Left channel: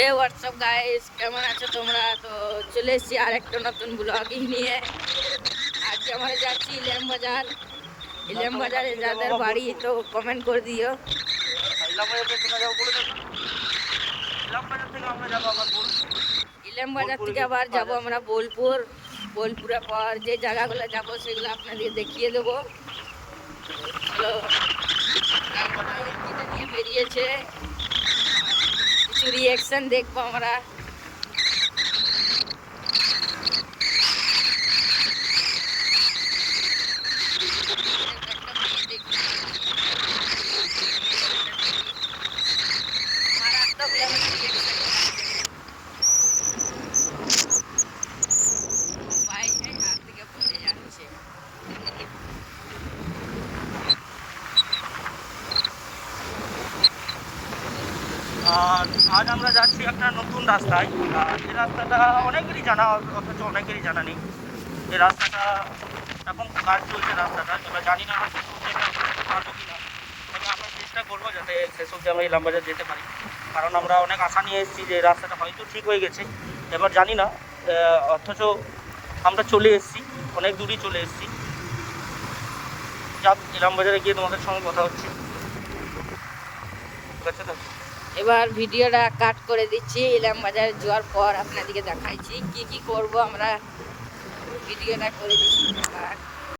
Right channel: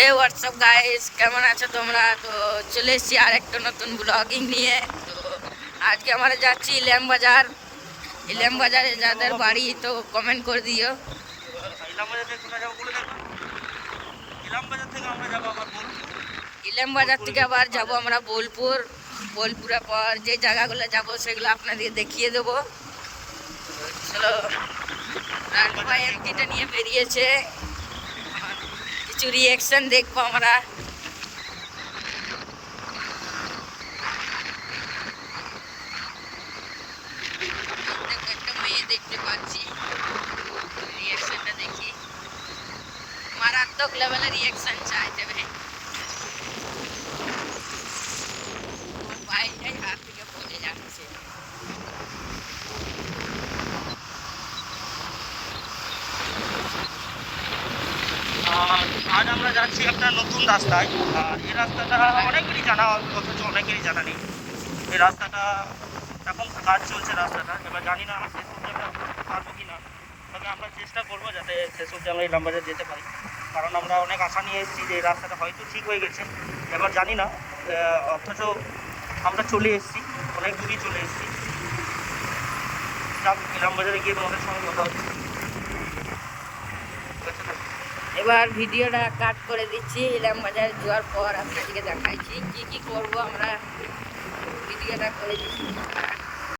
হে WhatsApp guys, কেমন আছো তোমরা? তো চলে এসেছি আর একটা নতুন ব্লগিং নিয়ে। আজকে আমরা যাচ্ছি ইলাম বাজার। ইলাম বাজারে যাদের বাড়ি তো কমেন্ট করে দিও। ইলাম বাজার থেকে আবার যাবো আমরা বোলপুর। বোলপুরের পর যে জায়গাগুলো যাবো সেগুলো আপনাদেরকে দেখিয়ে দেবো। চলো, রাজভাই এমটিটা নিয়ে বেরিয়েছে, কিছু রিয়াকশন দেখবো আমরা। একটা মেয়ে দেখতে পাচ্ছি, রিয়াকশনটা দেখি। মারাত্মক লেভেলের রিয়াকশন চাই দেবে। বাইকটাই হাত থেকে পড়ে যাচ্ছে। আজ আমরা যাচ্ছি আপনার নতুন রাস্তায়। আর এই রাস্তাটা অনেকেরই জানা, অথচ অনেকেরই জানা নেই। এই রাস্তাটা এখন কাজ চলছে রাস্তাটা, তবে জানি না শেষ অবধি আমরা যেতে পারবো কি না। তবে আমরা চেষ্টা করবো যাতে শেষ অবধি আমরা ইলাম বাজার যেতে পারি, কারণ আমরা অনেক আশা নিয়ে এসেছি যে এই রাস্তাটা হয়তো ঠিক হয়ে গেছে। এবার জানি না, অথচ আমরা চলে এসেছি, অনেক দূরই চলে এসেছি। যাক, ইলাম বাজারে গিয়ে তোমাদের সঙ্গে কথা হচ্ছে, ঠিক আছে তো? এবার ভিডিওটা কাট করে দিচ্ছি। ইলাম বাজার যাওয়ার পর আপনাদেরকে দেখাইছি কি কি করব আমরা। ভিডিওটা করে দিচ্ছি।